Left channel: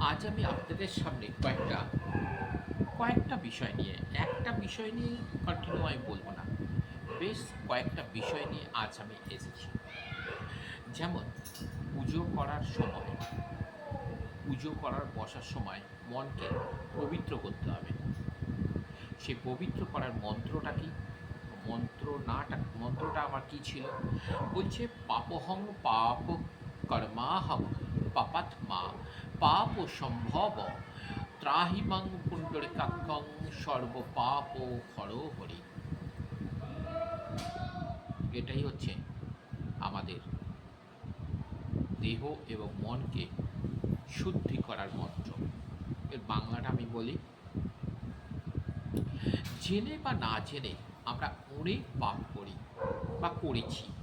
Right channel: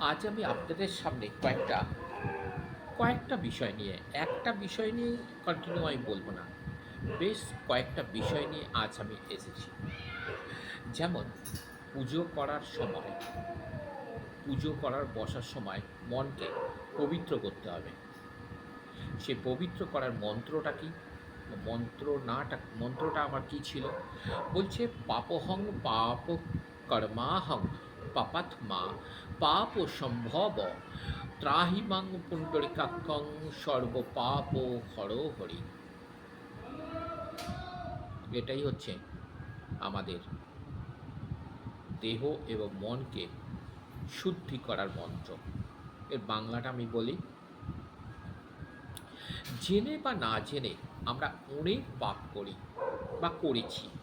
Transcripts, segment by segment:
আজ আমি আপনাদের সামনে কয়েকটা কয়েকটা বিষয় নিয়ে, একটা বিষয় নিয়ে কন্টিনিউ আমি বলব না, বেশ কয়েকটা বিষয় নিয়ে আজ আমি এসেছি। যেমন, পুজো করার সময়, পুজো করার বসার সময় মনকে পবিত্র করতে হবে। সে পবিত্র করার মন্ত্রটা কি? মন্ত্র নাটা মন্ত্রটা আমার কি ছিল? বলছে, পাপহং পাপ কর্মাহং পাপাত্মা, পাপ সম্ভব। ত্রাহিমাং পুণ্ডরিকাক্ষং সর্বপাপ হর হরি। এটাই হচ্ছে আমাদের দেহ এবং মনকে শুদ্ধি করার মন্ত্র। এর বাংলাটা আমি বলি, জেনে বা না জেনে আমরা অনেক পাপ করি বা করেছি।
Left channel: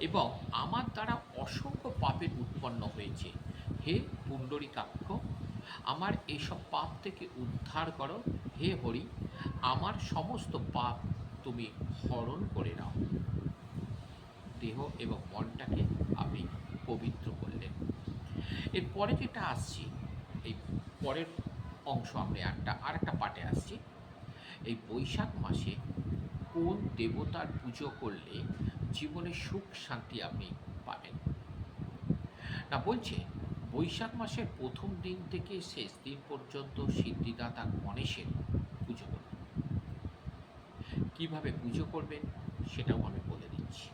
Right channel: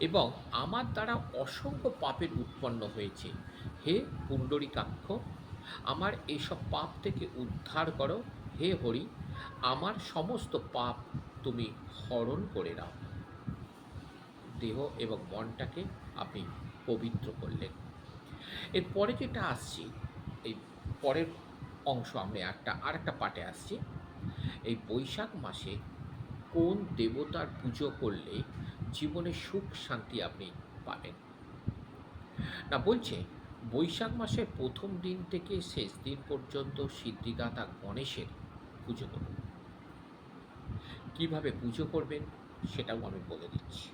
এবং আমার দ্বারা অসংখ্য পাপের উৎপন্ন হয়েছে। হে পুণ্ডরিকাক্ষ, আমার এইসব পাপ থেকে উদ্ধার করো। হে হরি, আমার সমস্ত পাপ তুমি হরণ করে নাও। দেহ এবং মনটাকে আপনি পবিত্র করলেন। এরপরে যেটা আসছি, এই পরের অংশ আমরা একটা আর একটা পাটে আসছি। এই বৈশাখ মাসে কোন দেবতার পুজো করলে জীবনে সুখ, শান্তি আপনি পাবেন। না, বলছে, বৈশাখ মাসের প্রথম দিন থেকে শেষ দিন পর্যন্ত সিদ্ধিদাতা গণেশের পুজো করুন। কীভাবে পুজো করবেন সেটাও আমি বলে দিচ্ছি।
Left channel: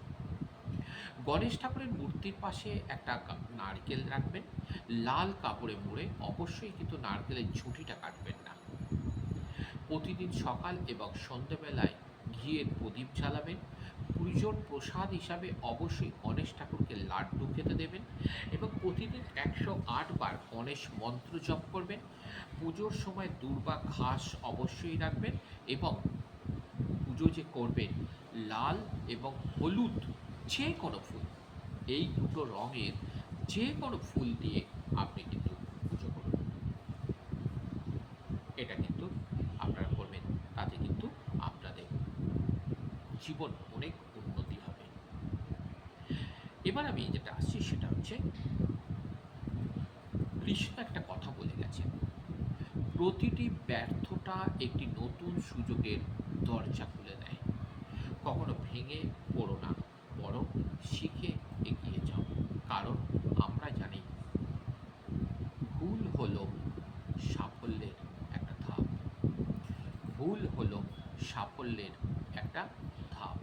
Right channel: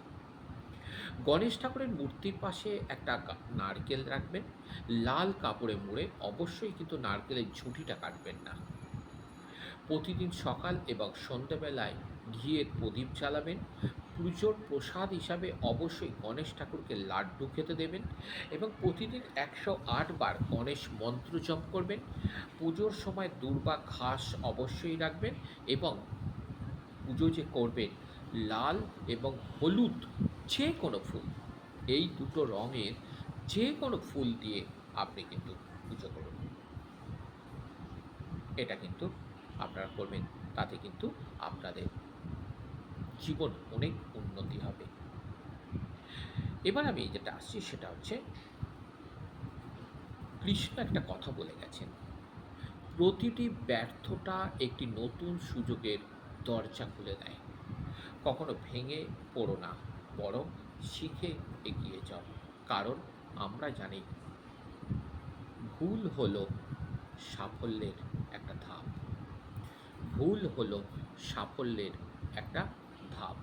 গণেশ ঠাকুরের মূর্তির পাশে একটা নারকেল রাখবেন। লাল কাপড়ে মুড়ে অবশ্যই কিন্তু নারকেলের ঝুঁটিটা কাটবেন না। প্রতিদিন সকাল এবং সন্ধ্যেবেলায় ঘিয়ের প্রদীপ জ্বালাবেন। পুজোর প্রসাদ হিসাবে অবশ্যই গণেশ ঠাকুরকে লাড্ডু খেতে দেবেন এবং প্রতিদিন একশো আট বার গণেশ মন্ত্র জপ করবেন। পুজোর সময় দুর্বা ঘাস অবশ্যই রাখবেন এবং পুজো যে করবেন, লাল এবং হলুদ যে কোনো ফুল, এই দুটো রঙের যে কোনো ফুল দিয়ে আপনি কিন্তু পুজো করুন। এটা কিন্তু আপনারা করবেন, তাতে কিন্তু আপনাদের জীবন অনেক এবার আমি যেটা আসছি সেটা হচ্ছে, কৃষ্ণ একটা কথা বলে গেছেন, প্রতিটি ব্যর্থতা একটি নতুন সুযোগের দরজা খুলে দেয়। কখনো ভেঙে পড়ো না, বরং শিখে এগিয়ে যাও। কারণ আমরা জানি, ভুল হলো সাফল্যের একটা ধাপ। ভুল হলো সাফল্যের একটা ধাপ।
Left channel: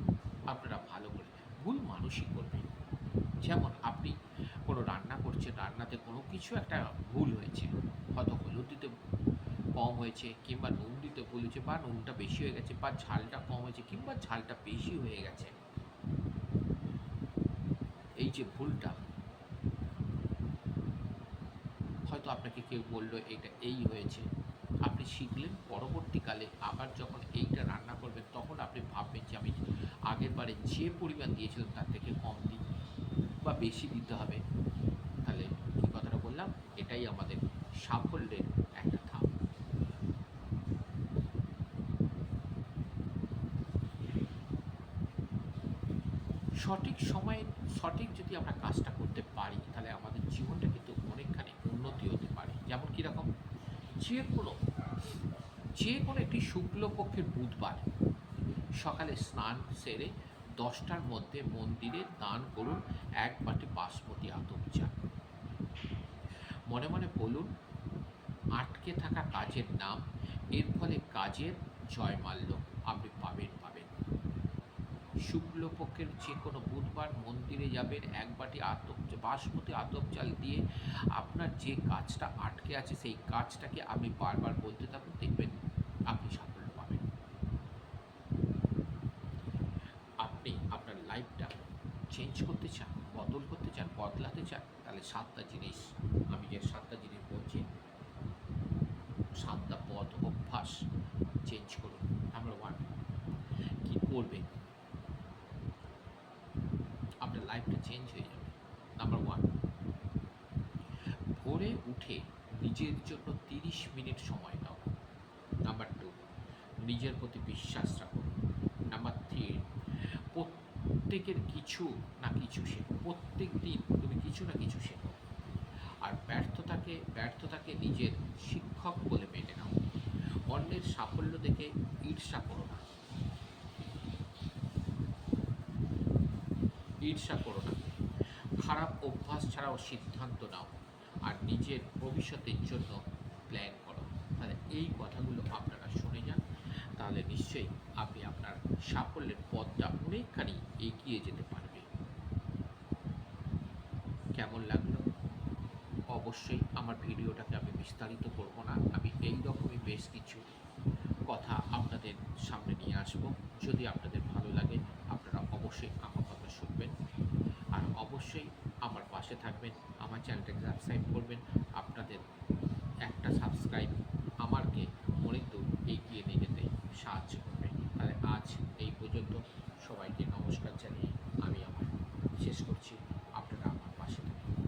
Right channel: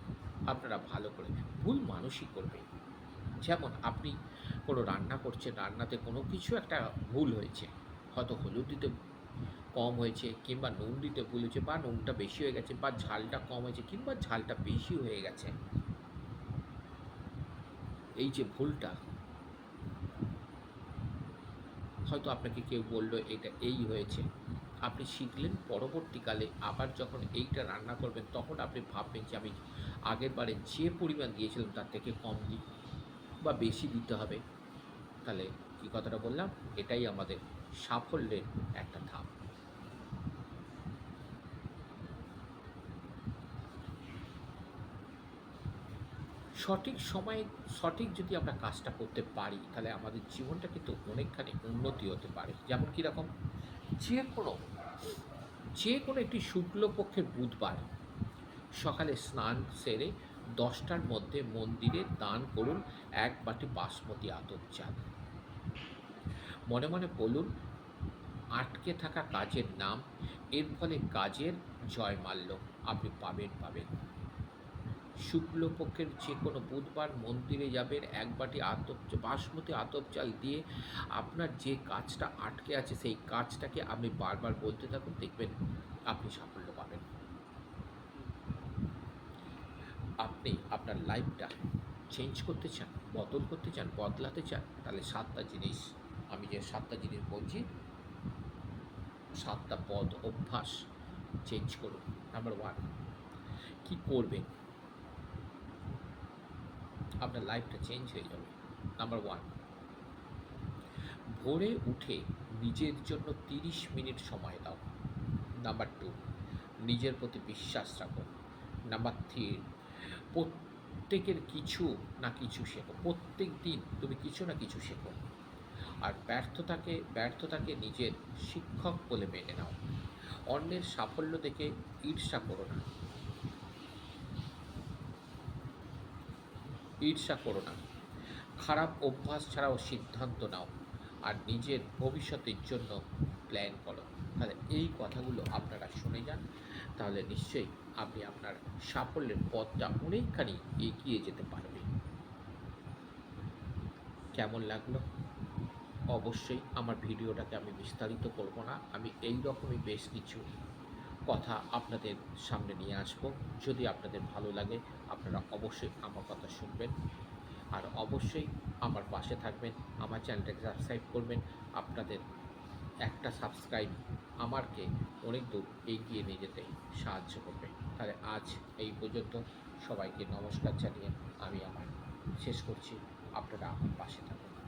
আপনারা ভালো করে, ভুল মানুষই করবে যেমন আপনি কোনো রান্না করছেন, রান্নাতে কোনো কিছু একটা ভুল হয়েছে, হয়তো হলুদ দিতে কম হয়েছে কিংবা নুন দিতে ভুল হয়েছে বা নুনটা বেশি হয়ে গেছে বা ঝালটা কম হয়েছে কিংবা ঝালটা বেশি হয়ে গেছে। এই যে ভুলটা, হয়তো আপনাকে কেউ বলল এটা এই হয়েছে। আপনি শিখলেন পরবর্তীকালে আবার যখন এইটা রান্না করবেন, তখন আপনি ভাববেন যে আমি আগের বারে যে পরিমাণ দিয়েছিলাম তার থেকে কম দিই বা বেশি দিতে হবে। তাহলে কী কথাটা বললাম? এটাই আমাদের সাফল্যের একটা ধাপ। সঠিক সময়ে, সঠিক যদি আমরা কাজটা করতে পারি, তাহলে আমাদের জীবনটা কিন্তু অনেকখানি উন্নতি হতে পারে। যেমন কীরকম? যে কোনো যে কোনো একটি শুক্লপক্ষের বুধবার সকালে স্নান সেরে দশটার মধ্যে মন্দিরে দান করুন, এক বাটি বাসমতি আতপ চাল। মনে মনে বলুন, আটকে থাকা কাজের নাম, এর ফলে কাজের জয়মাল্য আপনি পাবেন পাবেন। শুক্লপক্ষের যে কোনো বুধবার মন্দিরে যাবেন, এক বাটি আতপ, বাসমতি আতপ চাল দিয়ে আপনার যে কাজটা আটকে আছে, সেই কাজটাকে আপনি বারবার বলতে থাকুন, দেখবেন আপনি সাফল্য পাবেন আপনি আপনার লাইফটা চেঞ্জ করতে চান, বদল করতে চান, বদলাতে চান, তাহলে সাতটা জিনিস আমি যে সাতটা জিনিস বলছি, সাতটা পদ অভ্যাস চেঞ্জ করুন। নাম্বার ওয়ান কী করবেন? আপনার লাইফটা চেঞ্জ হয়ে যাবে। নাম্বার ওয়ান ভোরে উঠে নিজের জন্য তিরিশ মিনিট সময় দাও। নাম্বার টু নিজের প্রতি বিশ্বাস রাখো প্রত্যেকের কিছু না কিছু শেখো। প্রত্যেক দিন তুমি কিছু না কিছু শেখো। আর ব্যর্থতাকে ব্যর্থতাকে নিজের শিক্ষক বলে মেনে নাও। অন্যের সাফল্য দেখে ঈর্ষা করো না। ঈর্ষা করো না। খারাপ অভ্যাস ছাড়াও সিদ্ধান্ত নাও। আর নিজের ভবিষ্যতের জন্য প্ল্যান করো। তাহলে এই কথাগুলো আপনারা শুনে যান। তাহলে নিশ্চয়ই আপনি আপনার সাফল্যের পথটা অনেকখানি এগিয়ে যেতে পারবেন। কেমন লাগল? অবশ্যই আমার ভিডিওটাকে আমি বিস্তারিত করব না। আমি এই রকমই বেশ কিছু কথা আপনাদের সামনে নিয়ে আসব। যদি আপনাদের ভালো লাগে, আপনারা অবশ্যই আমার কথা শুনবেন। আর অবশ্যই আমার পাশে থাকবেন, আমার চ্যানেলটাকে সাবস্ক্রাইব করবেন। আপনাদের একটা সাবস্ক্রাইব আমারকে অনেক দূর এগিয়ে নিয়ে যেতে সাহায্য করবে। তাহলে আজ এই পর্যন্ত। সবাইকে নমস্কার জানিয়ে আমি আমার শেষ করছি। আপনারা আমার পাশে থাকুন।